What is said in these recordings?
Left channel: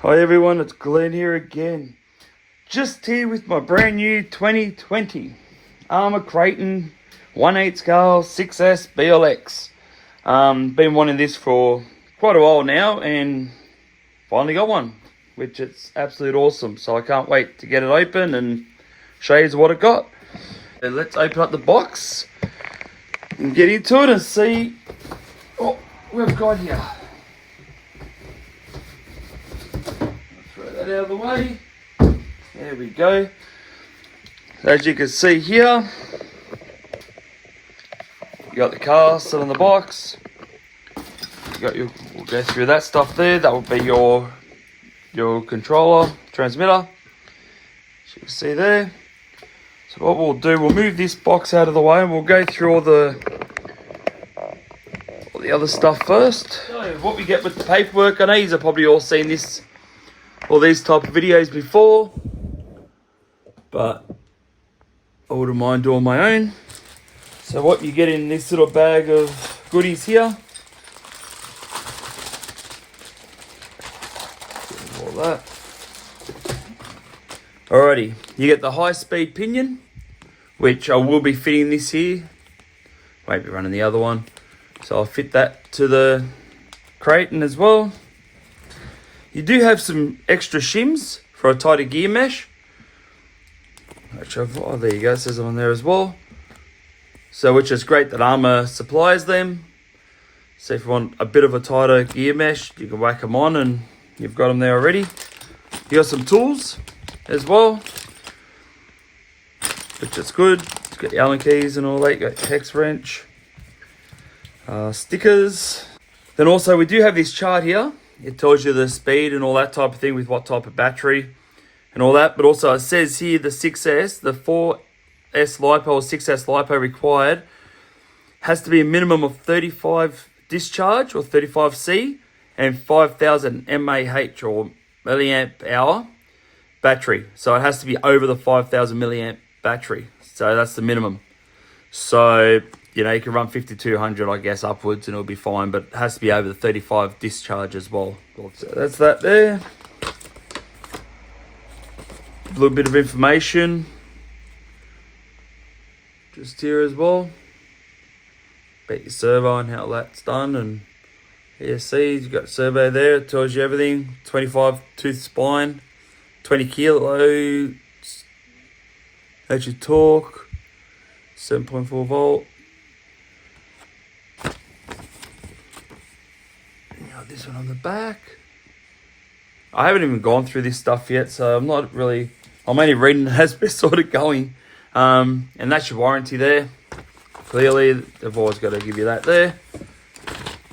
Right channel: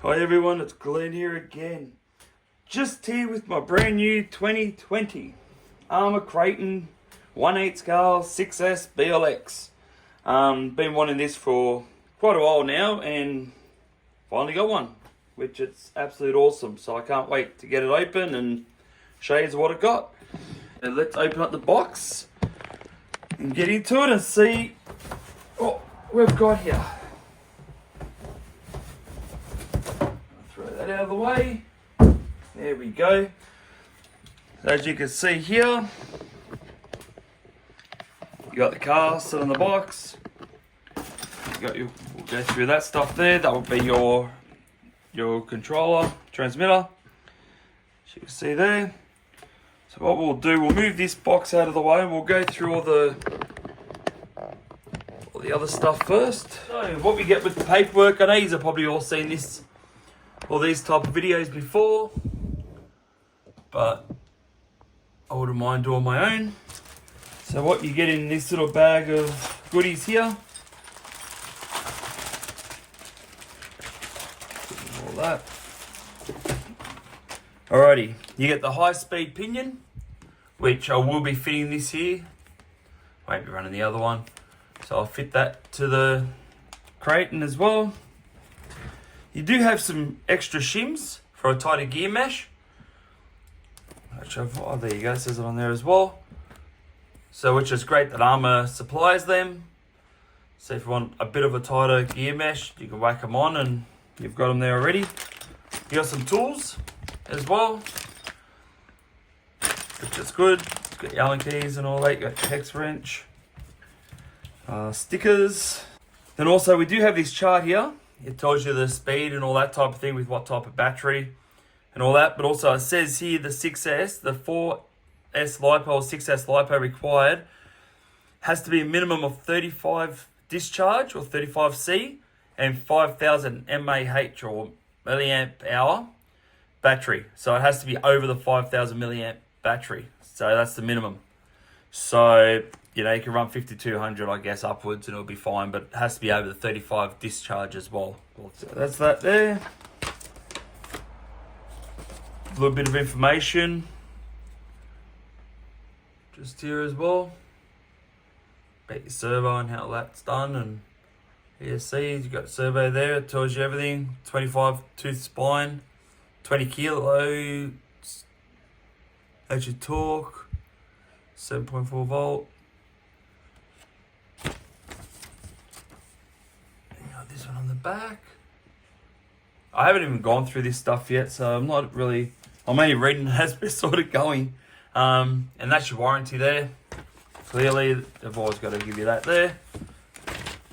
Hi everyone, it's Glen here again. Just here with my brand new 2020 Arrma Kraton 1/8 scale 6S BLX. Been wanting this for quite a while now and finally got one, which it's absolutely awesome. So I can't wait to get it open and show you what it got. And let's open up the box and get into it and see what we've got here. Out of the way. There we go. As you can see here, you got the car still in the box. You got your, we'll go through that stuff there. That will be your controller, transmitter. As you can see there. So what we'll do, we'll move this box out of the way and we'll go through all the other stuff first. So what we get with the paperwork, I know you've probably all seen this all these type of videos before, but I wouldn't mind doing my own. So what you get in this little bag of goodies here, all that. Alrighty, you get the high-speed pinion, which I will be fitting this here. Won't be running the other one, so I'll fit that to the Kraton as well. You do have some extra shims for a tighter gear mesh. Oh, there you go, it says it on there as well. So, which is great that Arrma supplies them. So if you want a bit of a tighter gear mesh, you can whack them on and you've got them there already. You got some tools as well, which is good. You've got the Allen keys and all that. You got the hex wrench, stickers. Then also we do have this chart here. It tells you the speed and all that type of thing with what type of battery and all that. But also it says here the 6S, the 4S LiPo or 6S LiPo required has to be a minimum of 35 discharge or 35C and 5000 mAh or milliamp hour battery. So it has to be over the 5000 milliamp battery. So that's the minimum. So you know, you can run 5200, I guess, upwards and it'll be fine, but it has to be over the 35 discharge as well. So that's that there. A little bit of information just here as well. About your servo and how that's done, and ESCs, you've got servo there, it tells you everything. 25 tooth spine, 20 kilos, that's your torque, 7.4 volt. This one on the back. I haven't even gone through this stuff yet, so I'm only reading it as we're sort of going. And that's your warranty there. Clearly, they've always got to give you that there,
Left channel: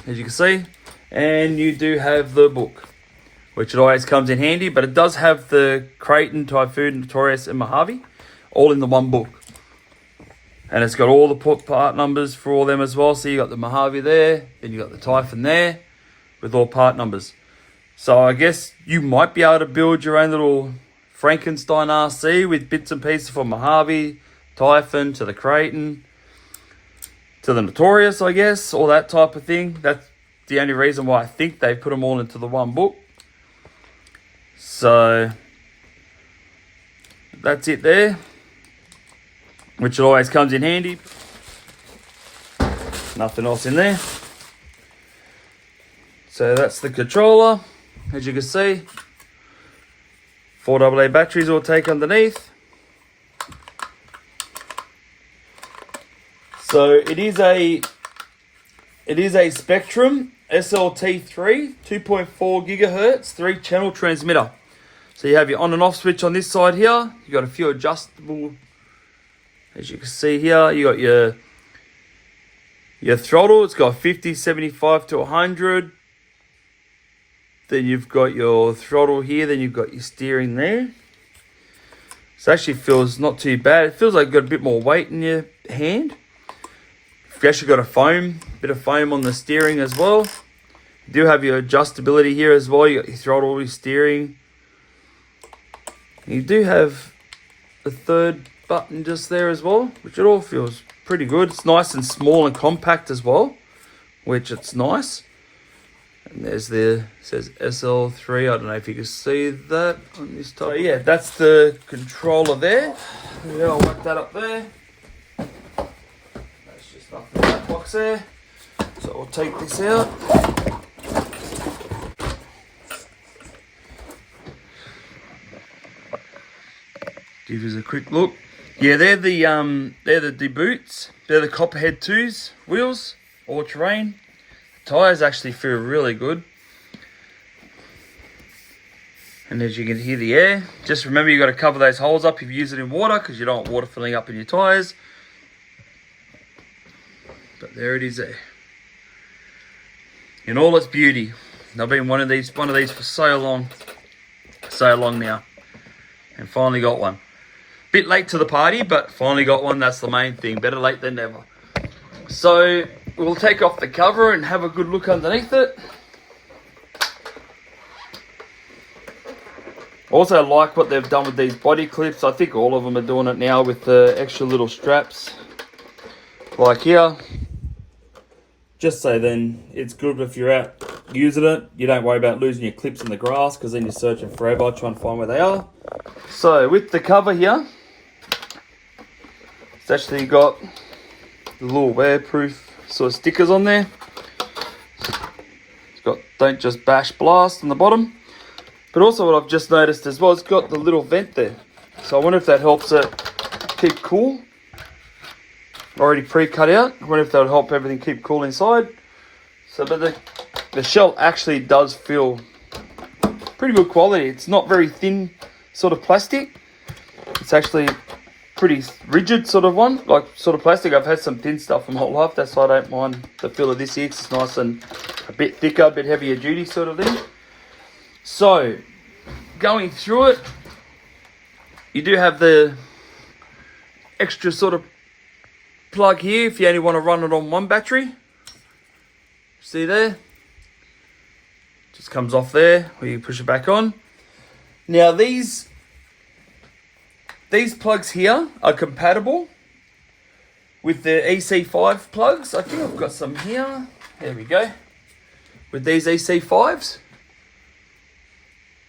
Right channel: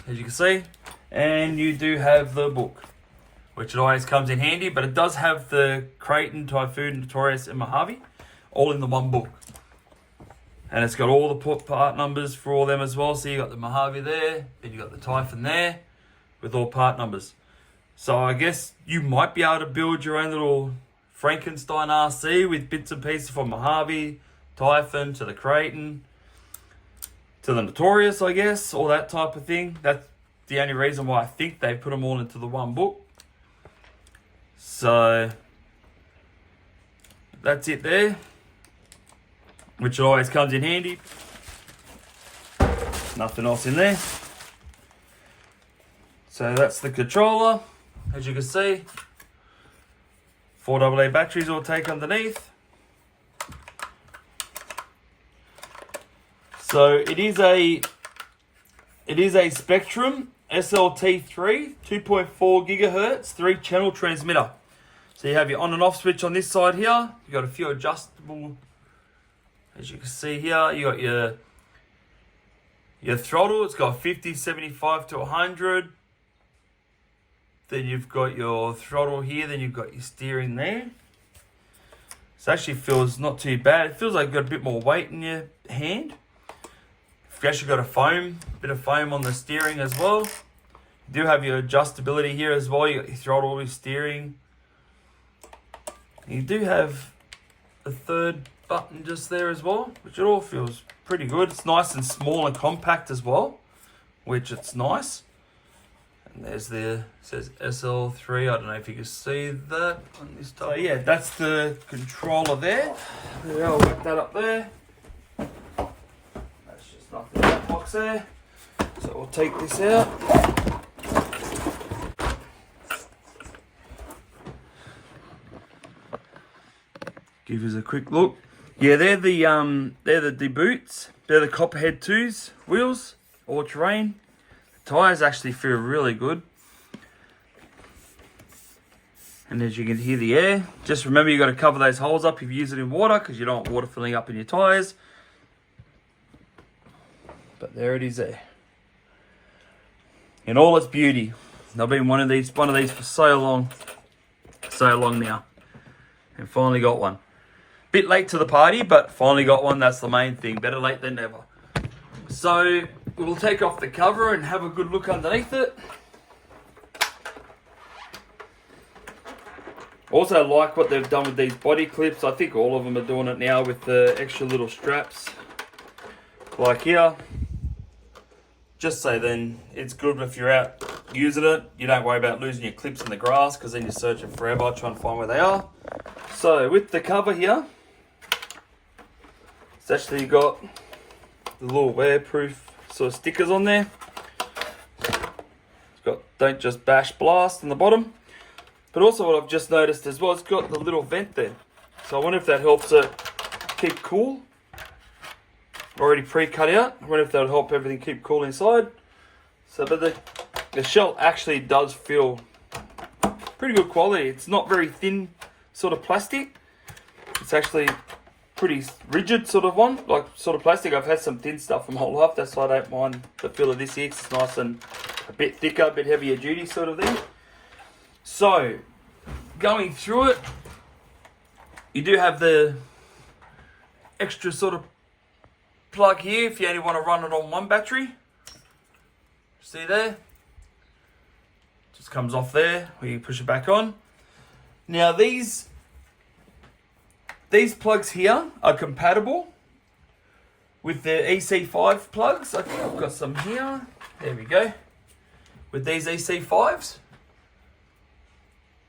as you can see. And you do have the book, which it always comes in handy, but it does have the Kraton, Typhoon, Notorious, and Mojave all in the one book. And it's got all the part numbers for all them as well. So you got the Mojave there, then you got the Typhoon there, with all part numbers. So I guess you might be able to build your own little Frankenstein RC with bits and pieces from Mojave, Typhoon, to the Kraton, to the Notorious, I guess, all that type of thing. That's the only reason why I think they put them all into the one book. So that's it there, which always comes in handy. Nothing else in there. So that's the controller, as you can see. 4 AA batteries will take underneath. So it is a Spectrum SLT3 2.4 gigahertz 3-channel transmitter. So you have your on and off switch on this side here. You got a few adjustable, as you can see here. You got your throttle. It's got 50, 75 to 100. Then you've got your throttle here, then you've got your steering there. So it actually feels not too bad. It feels like you've got a bit more weight in your hand. You've actually got a bit of foam on the steering as well. You do have your adjustability here as well. You got your throttle, your steering. You do have a third button just there as well, which it all feels pretty good. It's nice and small and compact as well, which it's nice. And there's the, says SL3. I don't know if you can see that on this top. So yeah, that's the controller there. Yeah, I'll whack that up there. That's just nothing in that box there. So we'll take this out. Give us a quick look. Yeah, they're the boots. They're the Copperhead 2s wheels, all terrain. The tires actually feel really good. And as you can hear the air, just remember you got to cover those holes up if you use it in water because you don't want water filling up in your tires. But there it is there. In all its beauty. I've been one of these for so long now. And finally got one. Bit late to the party, but finally got one. That's the main thing. Better late than never. So we'll take off the cover and have a good look underneath it. Also like what they've done with these body clips. I think all of them are doing it now with the extra little straps. Like here. Just so then it's good if you're out using it. You don't worry about losing your clips in the grass because then you're searching forever trying to find where they are. So with the cover here, it's actually got the little wearproof sort of stickers on there. It's got don't just bash blast on the bottom. But also what I've just noticed as well, it's got the little vent there. So I wonder if that helps it keep cool. Already pre-cut out. I wonder if that'll help everything keep cool inside. So but the shell actually does feel pretty good quality. It's not very thin sort of plastic. It's actually pretty rigid sort of one, like sort of plastic. I've had some thin stuff for my whole life. That's why I don't mind the feel of this here. It's nice and a bit thicker, a bit heavier duty sort of thing. So going through it, you do have the extra sort of plug here if you only want to run it on one battery. See there? Just comes off there where you push it back on. Now these plugs here are compatible with the EC5 plugs. I think I've got some here. There we go. With these EC5s.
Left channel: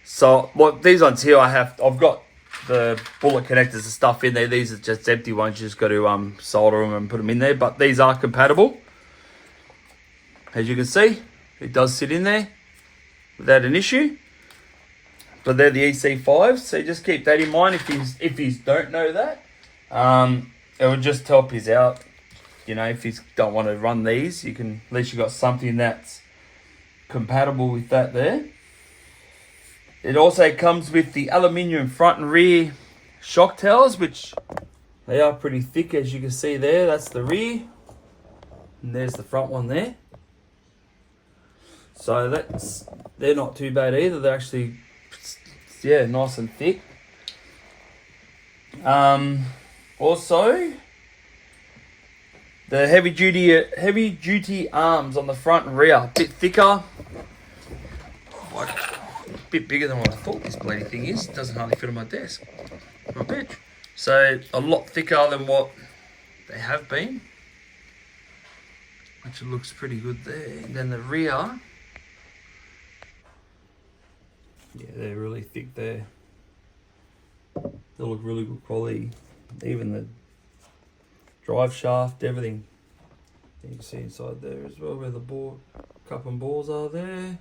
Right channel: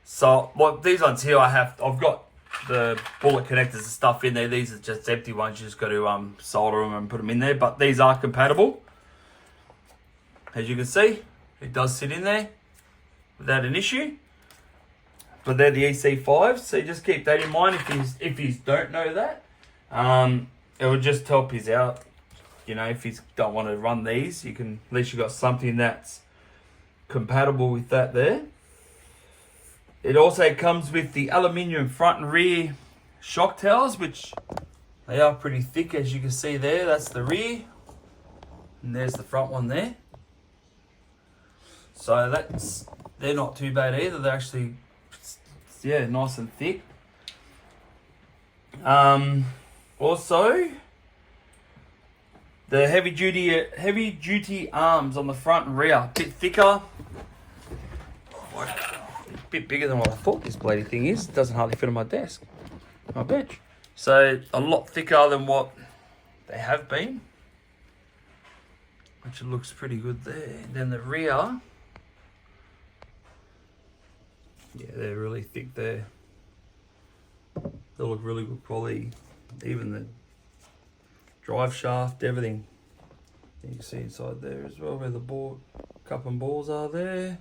So like these ones here I've got the bullet connectors and stuff in there. These are just empty ones. You just got to solder them and put them in there. But these are compatible. As you can see, it does sit in there without an issue. But they're the EC5s, so just keep that in mind if you don't know that. It will just help you out. You know, if you don't want to run these, you can at least you got something that's compatible with that there. It also comes with the aluminium front and rear shock towers, which they are pretty thick, as you can see there. That's the rear, and there's the front one there. So they're not too bad either. They're actually, yeah, nice and thick. Also, the heavy duty arms on the front and rear, a bit thicker. Like, a bit bigger than what I thought this bloody thing is. It doesn't hardly fit on my desk, my bench. So a lot thicker than what they have been, which looks pretty good there. And then the rear, yeah, they're really thick there. They look really good quality. Even the drive shaft, everything. You can see inside there as well where the cup and balls are there.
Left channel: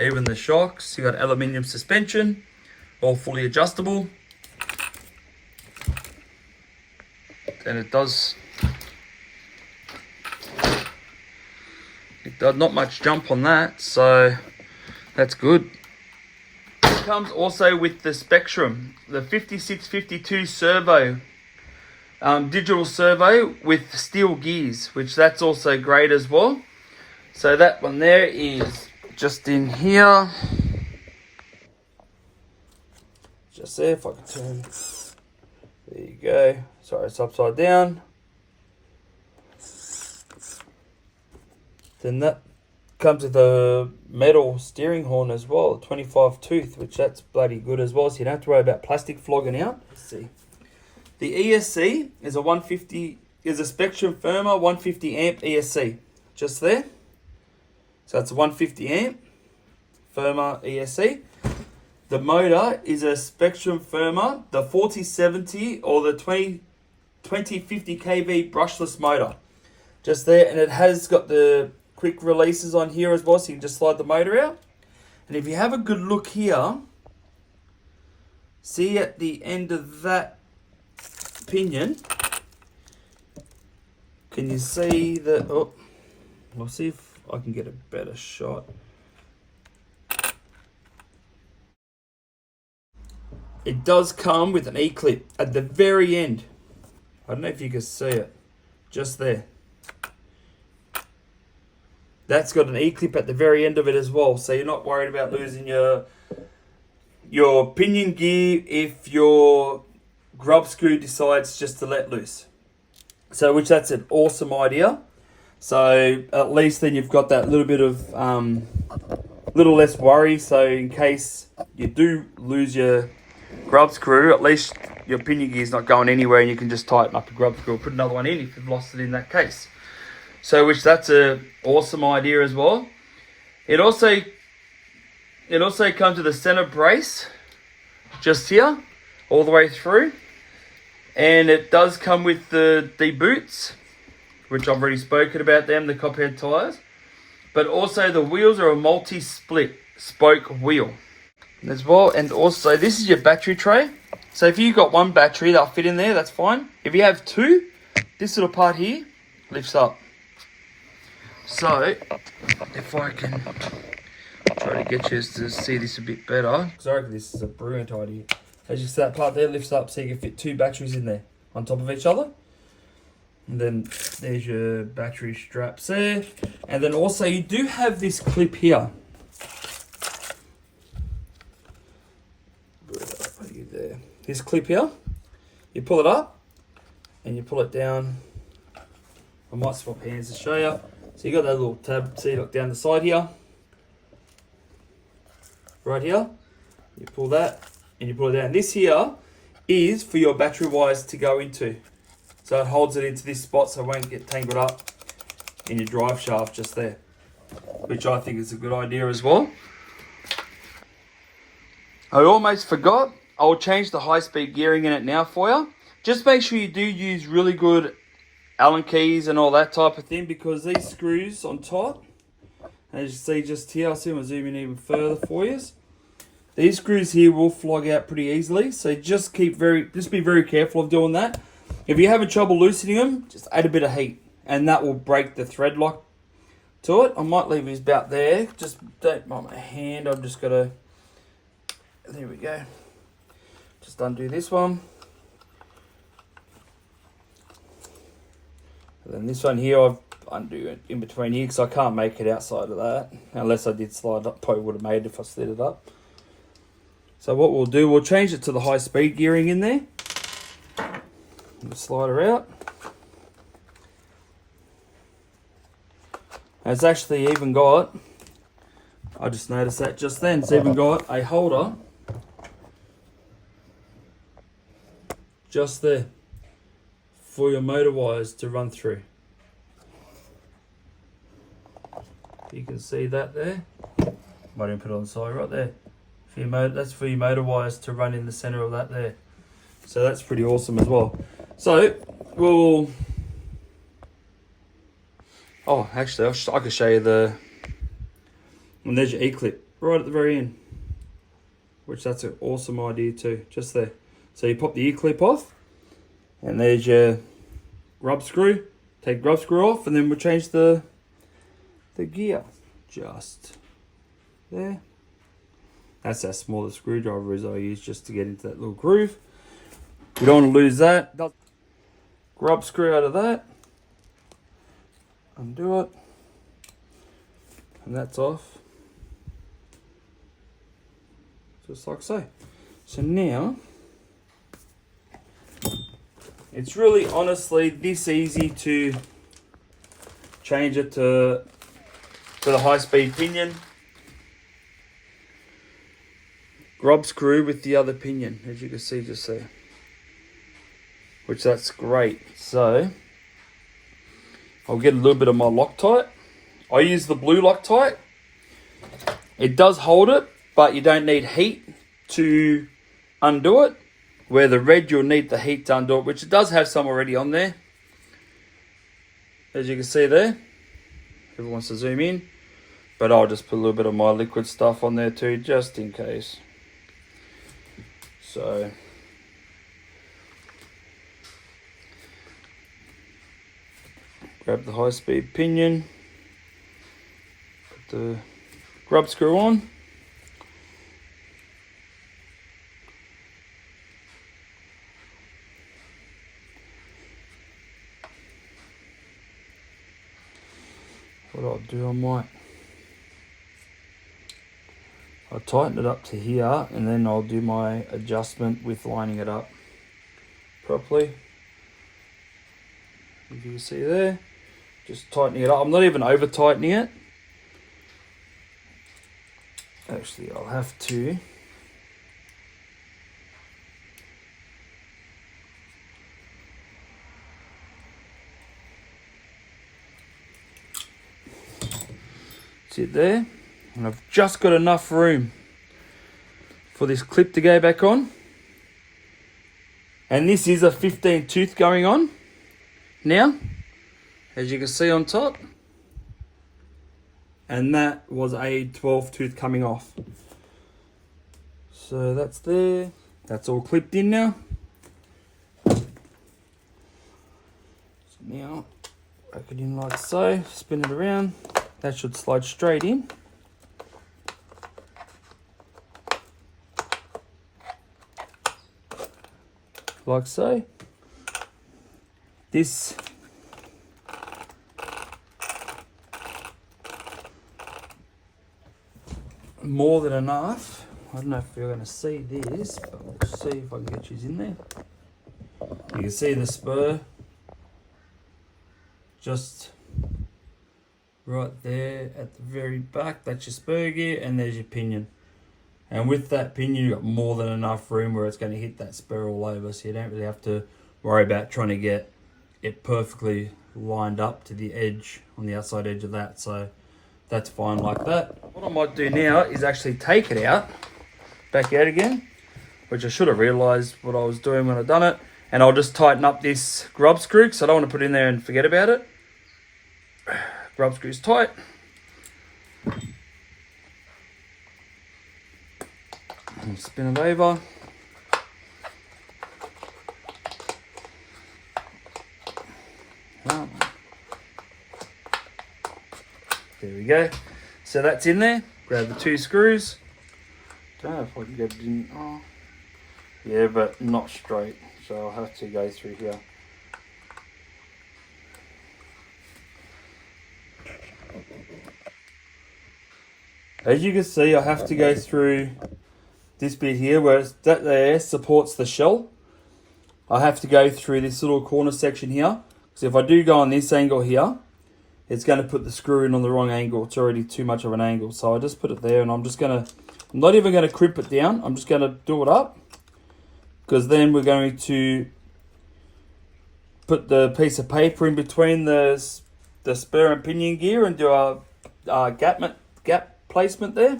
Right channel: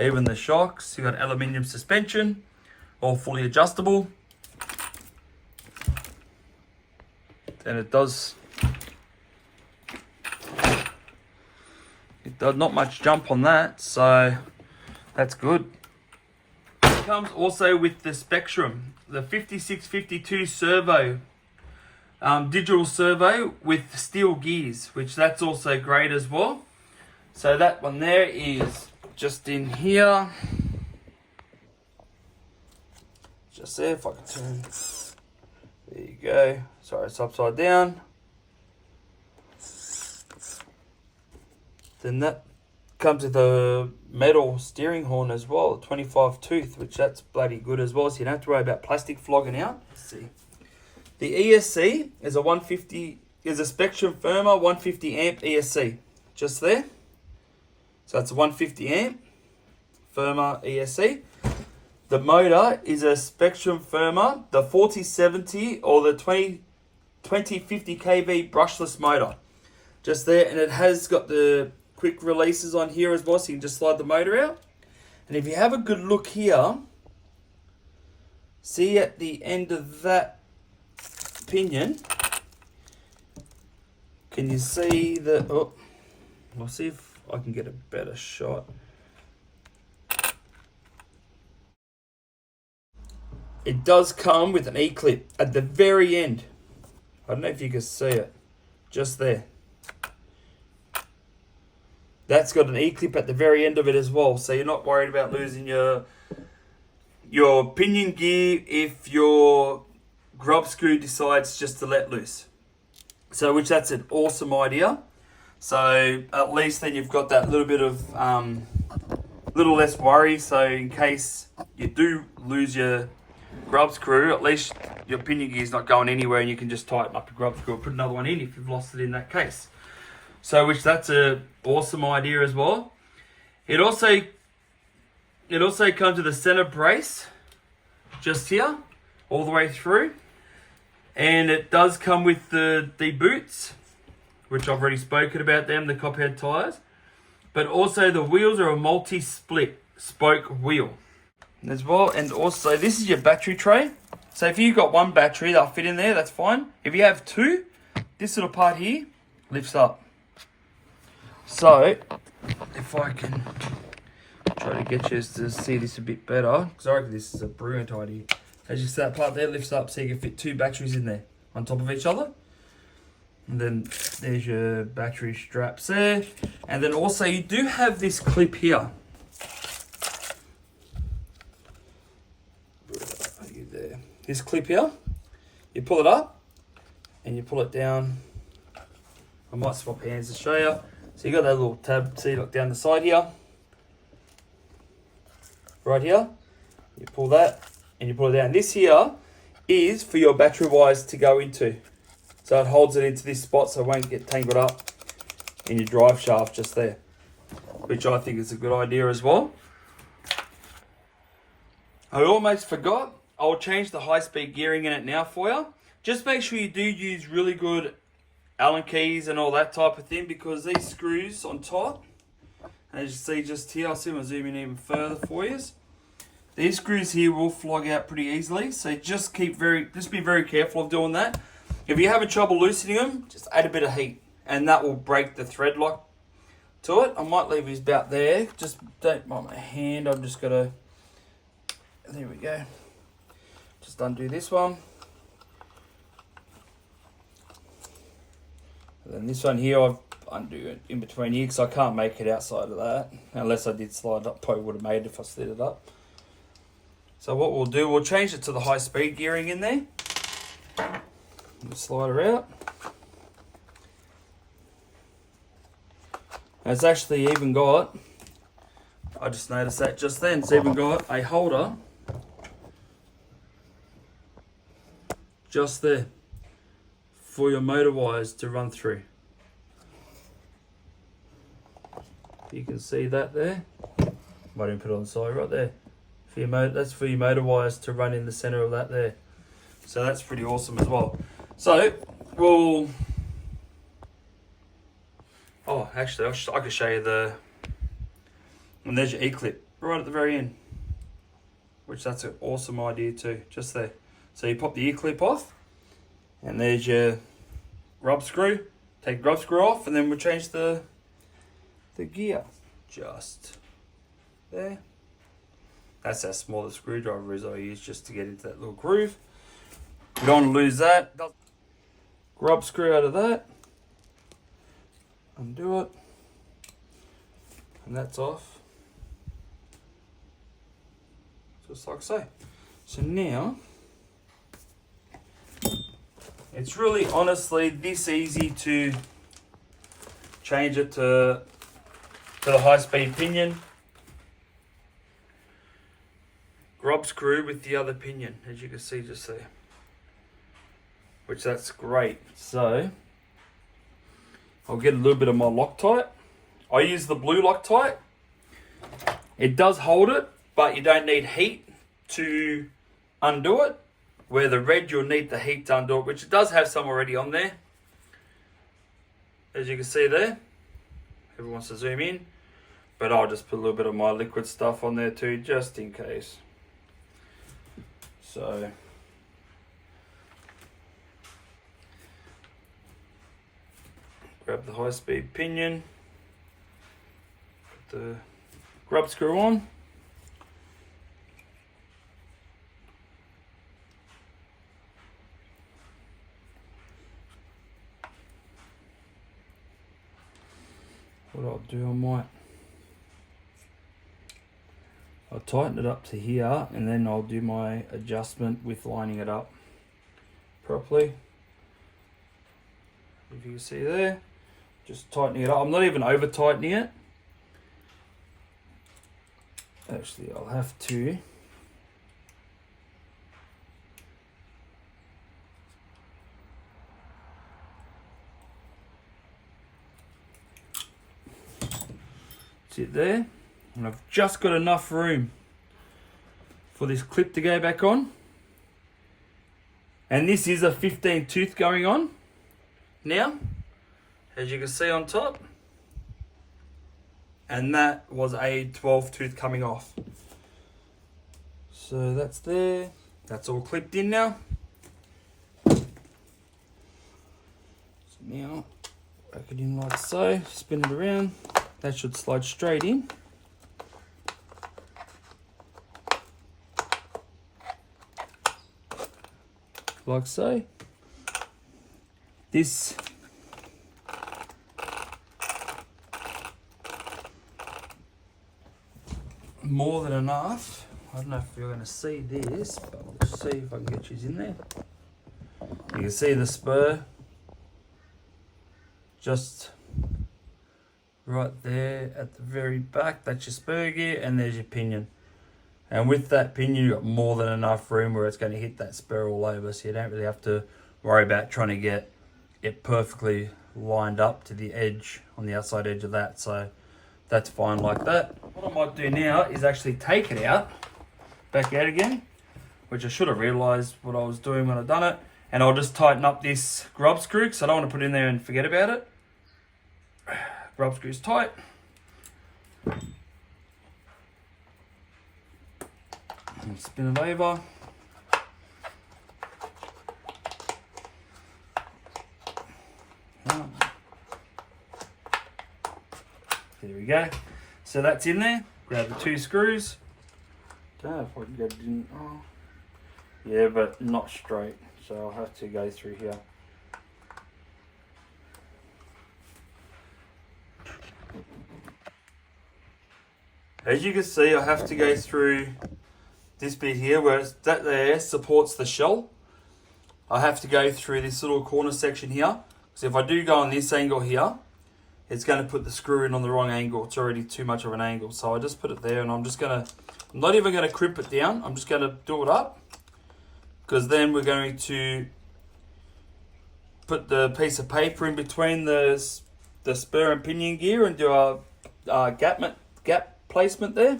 Even the shocks, you got aluminium suspension, all fully adjustable. And it does not much jump on that, so that's good. It comes also with the Spectrum, the 5652 servo, digital servo with steel gears, which that's also great as well. So that one there is just in here. Just there, if I can turn. There you go. Sorry, it's upside down. Then that comes with a metal steering horn as well, 25 tooth, which that's bloody good as well, so you don't have to worry about plastic flogging out. Let's see. The ESC is a Spectrum Firma 150 amp ESC, just there. So it's a 150 amp Arrma ESC. The motor is a Spectrum Arrma, the 4070 or the 2050 kV brushless motor. Just there, and it has got the quick releases on here as well, so you can just slide the motor out. And if you have a good look here, see at the end of that pinion, can you see the, oh, I'll see if I can get a better shot. It does come with an E-clip at the very end. I don't know if you can see it, just there. That's got an E-clip at the very end of it as well, so you're not worried about losing your pinion gear if your grub screw decides just to let loose. So, which that's an awesome idea. So at least then you've got that little bit of little less worry. So in case you do lose your grub screw, at least your pinion gear is not going anywhere, and you can just tighten up a grub screw or put another one in if you've lost it in that case. So which that's an awesome idea as well. It also comes with a center brace just here all the way through, and it does come with the boots, which I've already spoken about them, the copperhead tires. But also the wheels are a multi-split spoke wheel as well. And also this is your battery tray. So if you've got one battery, they'll fit in there, that's fine. If you have two, this little part here lifts up. So if I can try to get you to see this a bit better, because I reckon this is a brilliant idea. As you see, that part there lifts up so you can fit two batteries in there on top of each other. And then there's your battery straps there. And then also you do have this clip here. There. This clip here, you pull it up and you pull it down. I might swap hands to show you. So you got that little tab, see, look down the side here. Right here, you pull that and you pull it down. This here is for your battery wires to go into. So it holds it into this spot so it won't get tangled up in your drive shaft just there, which I think is a good idea as well. I almost forgot. I'll change the high-speed gearing in it now for you. Just make sure you do use really good Allen keys and all that type of thing, because these screws on top, as you see just here, I'll see if I zoom in even further for you. These screws here will flog out pretty easily, so just be very careful of doing that. If you're having trouble loosening them, just add a bit of heat, and that will break the thread lock to it. I might leave these about there. Just don't mind my hand. I've just got to. There we go. Just undo this one. And then this one here, I've undo it in between here because I can't make it outside of that. Unless I did slide up, probably would have made it if I slid it up. So what we'll do, we'll change it to the high speed gearing in there. We'll slide her out. And it's actually even got, I just noticed that just then, it's even got a holder just there for your motor wires to run through. You can see that there. Might even put it on the side right there. For your motor, that's for your motor wires to run in the center of that there. So that's pretty awesome as well. So we'll. Oh, actually, I could show you the. And there's your E-clip right at the very end, which that's an awesome idea too. Just there. So you pop the E-clip off, and there's your rub screw. Take the rub screw off, and then we'll change the gear. Just there. That's how small the screwdriver is I use just to get into that little groove. We don't want to lose that. Grub screw out of that. Undo it. And that's off. Just like so. So now, it's really honestly this easy to change it to the high-speed pinion. Grub screw with the other pinion, as you can see just there. Which that's great. So I'll get a little bit of my Loctite I use the blue Loctite. It does hold it, but you don't need heat to undo it. Where the red, you'll need the heat to undo it, which it does have some already on there. As you can see there. Whoever wants to zoom in. But I'll just put a little bit of my liquid stuff on there too, just in case. So grab the high-speed pinion. Put the grub screw on. What I'll do, I'll tighten it up to here, and then I'll do my adjustment with lining it up properly. As you can see there, just tightening it up. I'm not even over tightening it. Actually, I'll have to. Sit there, and I've just got enough room for this clip to go back on. And this is a 15 tooth going on now, as you can see on top. And that was a 12 tooth coming off. So that's there. That's all clipped in now. So now, back it in like so, spin it around. That should slide straight in. Like so. This more than enough. I don't know if you're going to see this, but we'll see if I can get you in there. You can see the spur just right there at the very back. That's your spur gear, and there's your pinion. And with that pinion, you've got more than enough room where it's going to hit that spur all over, so you don't really have to worry about trying to get it perfectly lined up to the edge, on the outside edge of that. So that's fine like that. What I might do now is actually take it out, back out again, which I should have realised what I was doing when I done it. And I'll just tighten up this grub screw, because I don't want to put it in there and forget about it. Grub screw's tight. And spin it over. There we go. So that's in there. Grab the two screws. Don't know if I can get it in. Oh, yeah, but not straight. So I'll have to go through here. As you can see, I have to go through this bit here where that there supports the shell. I have to go through this little corner section here. So if I do go on this angle here, it's going to put the screw in on the wrong angle. It's already too much of an angle. So I just put it there, and I'm not even going to crimp it down. I'm just going to do it up, because then we're going to put the piece of paper in between the spur and pinion gear and do a gap placement there.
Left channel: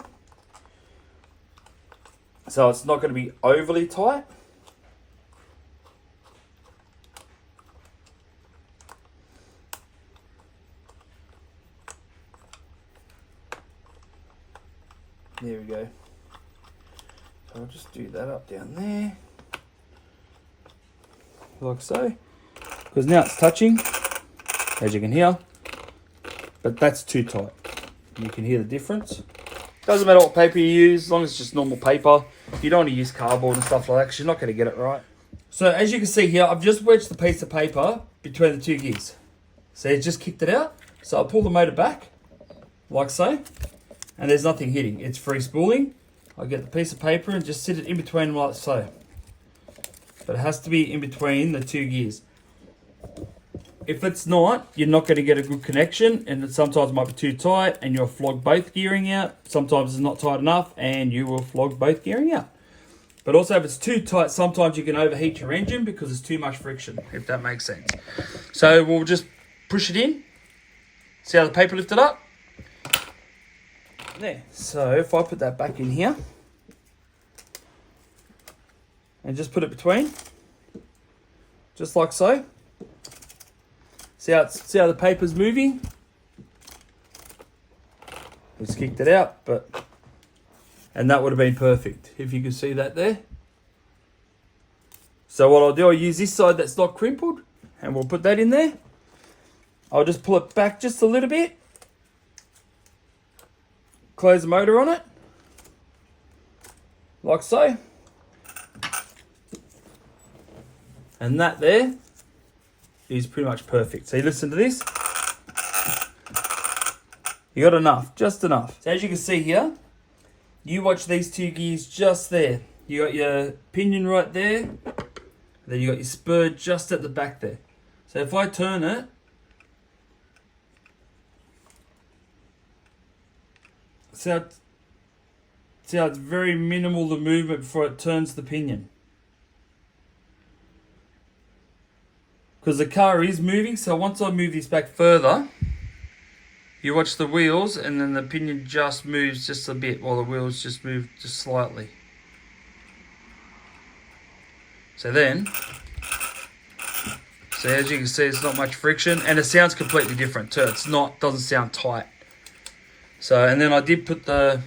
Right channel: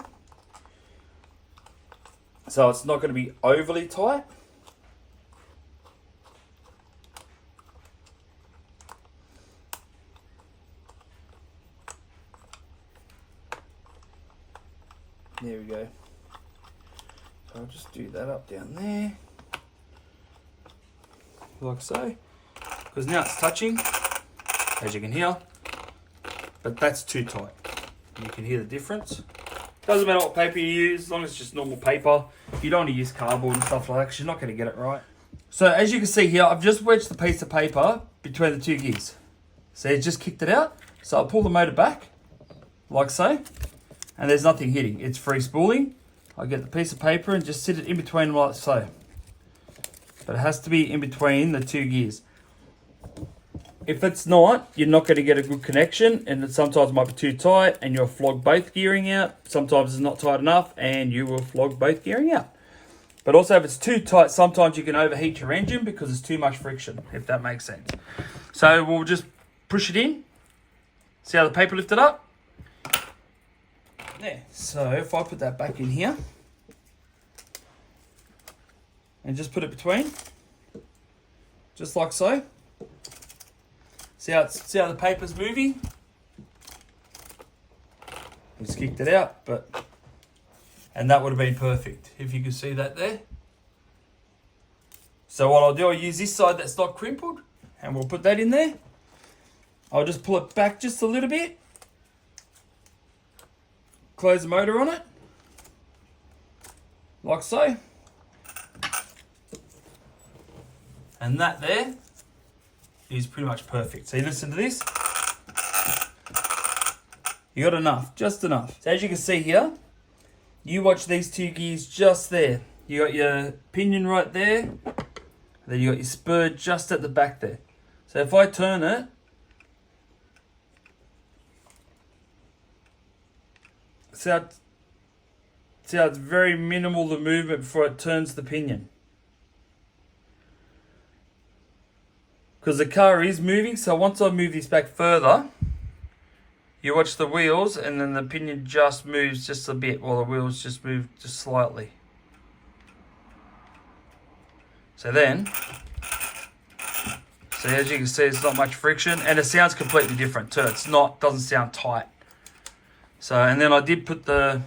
So it's not going to be overly tight. There we go. So I'll just do that up down there, like so, because now it's touching, as you can hear, but that's too tight. You can hear the difference. Doesn't matter what paper you use, as long as it's just normal paper. You don't want to use cardboard and stuff like that, because you're not going to get it right. So as you can see here, I've just wedged the piece of paper between the two gears. So it just kicked it out. So I'll pull the motor back, like so, and there's nothing hitting. It's free spooling. I get the piece of paper and just sit it in between like so. But it has to be in between the two gears. If it's not, you're not going to get a good connection, and it sometimes might be too tight and you'll flog both gearing out. Sometimes it's not tight enough and you will flog both gearing out. But also if it's too tight, sometimes you can overheat your engine because there's too much friction, if that makes sense. So we'll just push it in. See how the paper lifted up? There. So if I put that back in here and just put it between, just like so. See how the paper's moving? Just kicked it out, and that would have been perfect if you could see that there. So what I'll do, I'll use this side that's not crimpled, and we'll put that in there. I'll just pull it back just a little bit, close the motor on it, like so. And that there is pretty much perfect. So you listen to this. You got enough, just enough. So as you can see here, you watch these two gears just there. You got your pinion right there, then you got your spur just at the back there. So if I turn it, see how it's very minimal the movement before it turns the pinion. Because the car is moving, so once I move this back further, you watch the wheels and then the pinion just moves just a bit while the wheels just move just slightly. So then, so as you can see, it's not much friction and it sounds completely different too. It's not, doesn't sound tight. So, and then I did put the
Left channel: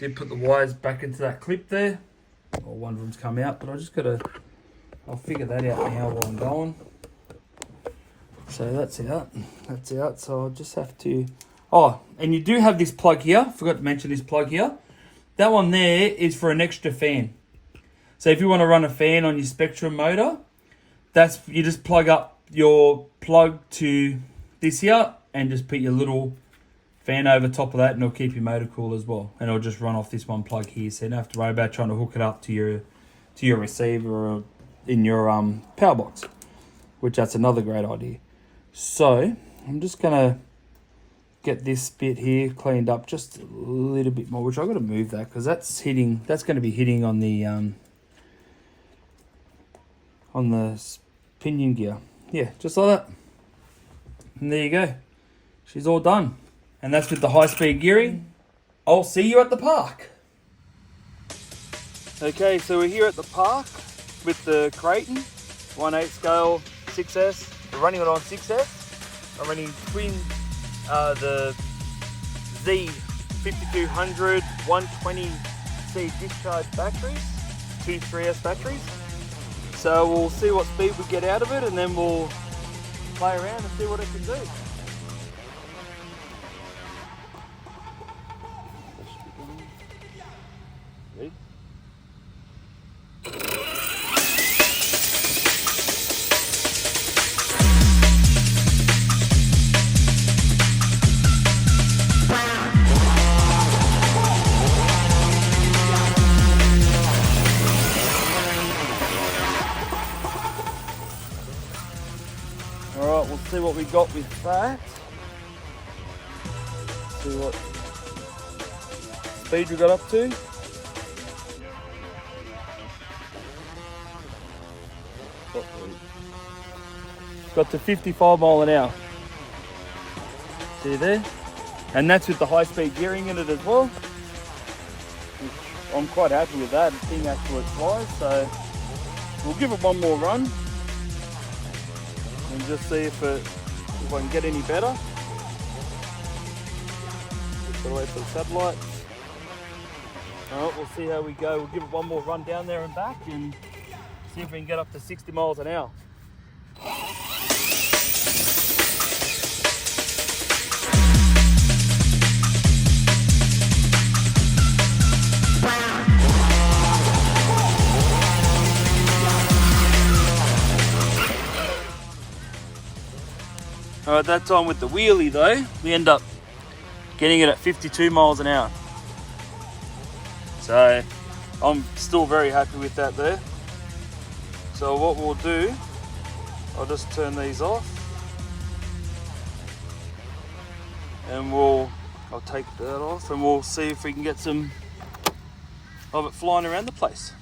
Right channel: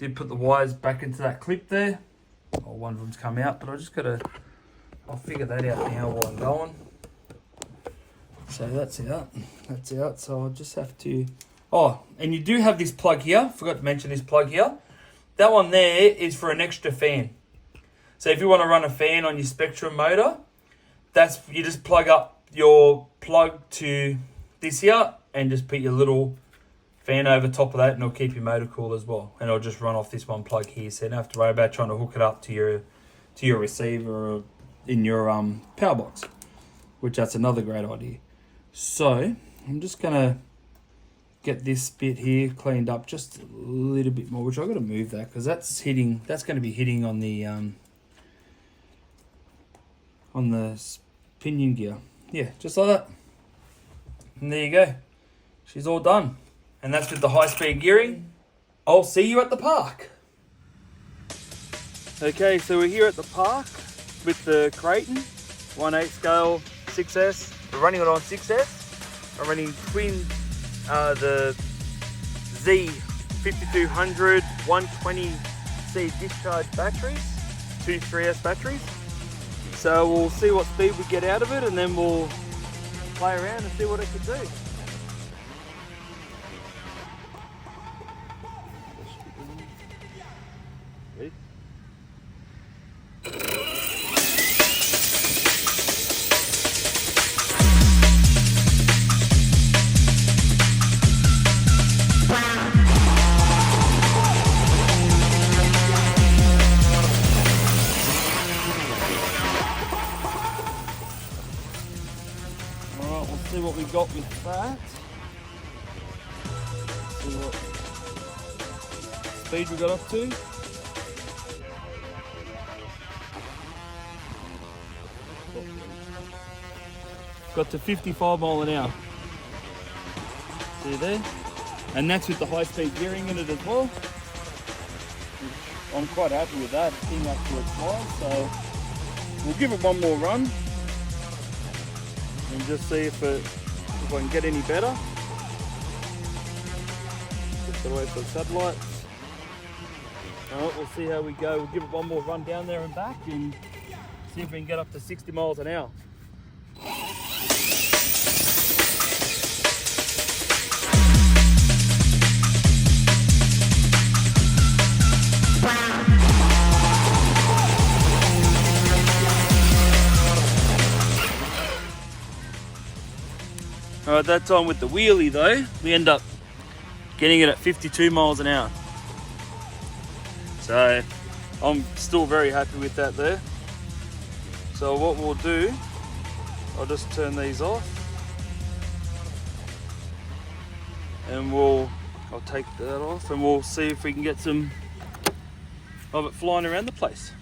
wires back into that clip there. Oh, one of them's come out, but I just gotta, I'll figure that out now while I'm going. So that's out, so I'll just have to, oh, and you do have this plug here, forgot to mention this plug here. That one there is for an extra fan. So if you want to run a fan on your Spectrum motor, that's, you just plug up your plug to this here and just put your little fan over top of that and it'll keep your motor cool as well. And it'll just run off this one plug here, so you don't have to worry about trying to hook it up to your receiver or in your power box, which that's another great idea. So I'm just gonna get this bit here cleaned up just a little bit more, which I've got to move that because that's going to be hitting on the pinion gear. Yeah, just like that. And there you go. She's all done. And that's with the high-speed gearing. I'll see you at the park. Okay, so we're here at the park with the Kraton 1/8 scale 6S. We're running it on 6S. I'm running the Z5200 120C discharge batteries, two 3S batteries. So we'll see what speed we get out of it and then we'll play around and see what it can do. Ready? Alright, we'll see what we got with that. See what speed we got up to. Got to 55 mile an hour. See there? And that's with the high speed gearing in it as well. I'm quite happy with that. The thing absolutely flies, so we'll give it one more run and just see if I can get any better. Just gotta wait for the satellites. Alright, we'll see how we go. We'll give it one more run down there and back and see if we can get up to 60 miles an hour. Alright, that time with the wheelie though, we end up getting it at 52 miles an hour. So I'm still very happy with that there. So what we'll do, I'll just turn these off and I'll take that off and we'll see if we can get some of it flying around the place.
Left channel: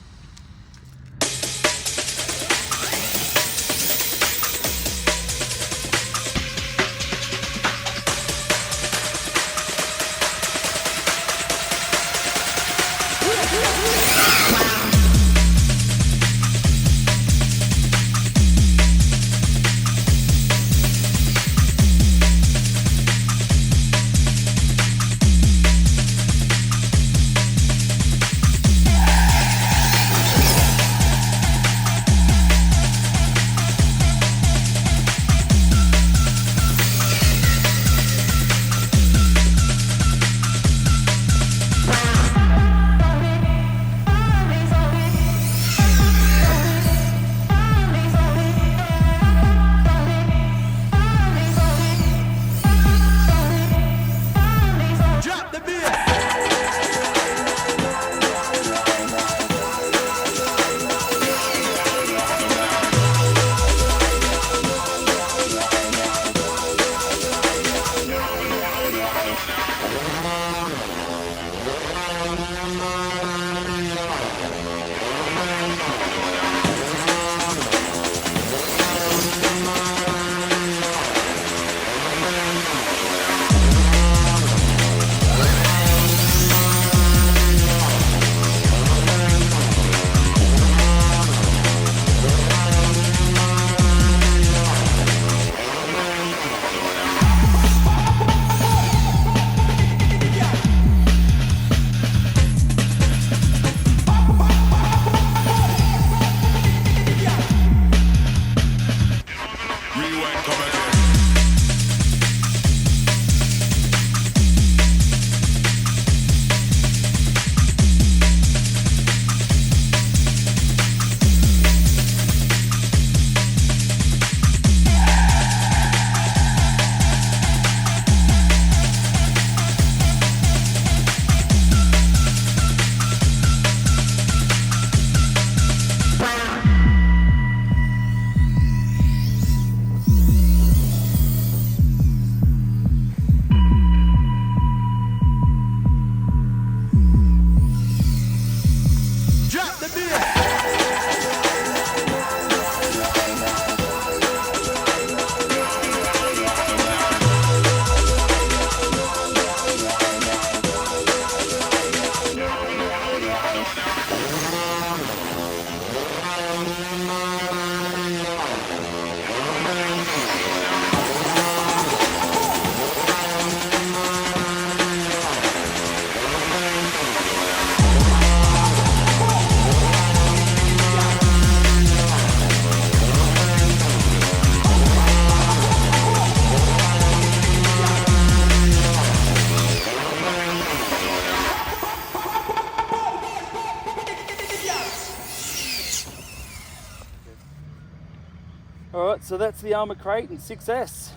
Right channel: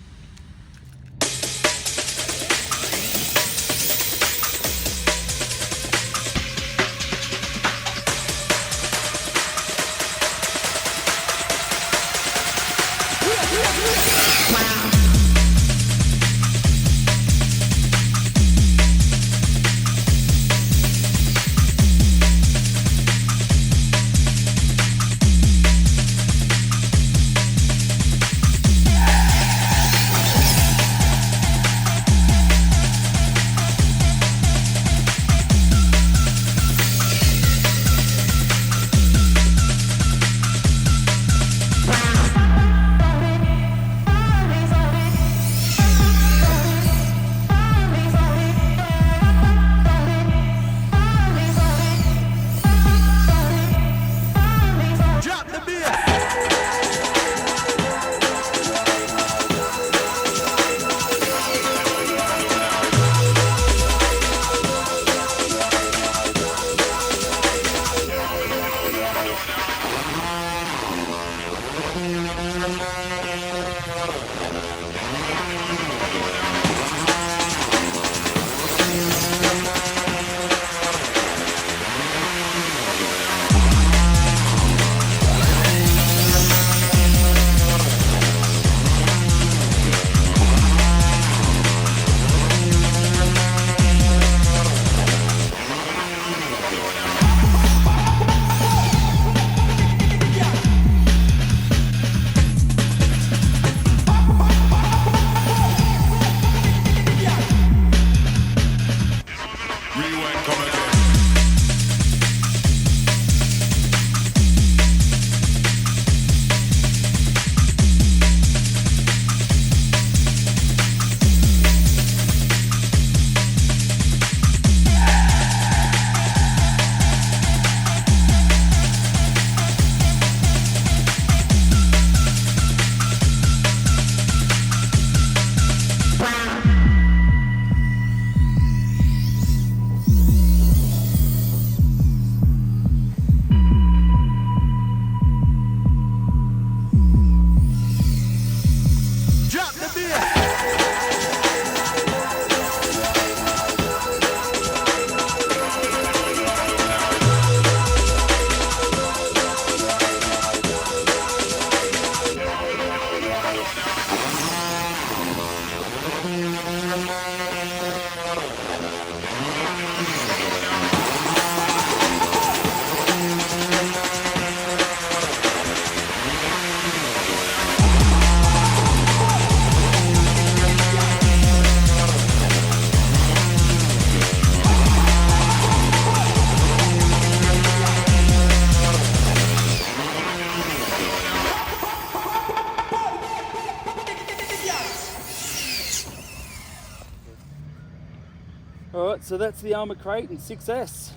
Alright, so that's the Arrma Kraton 6S.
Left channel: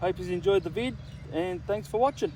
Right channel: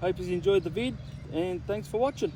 Hope you enjoyed the vid, and thanks for watching.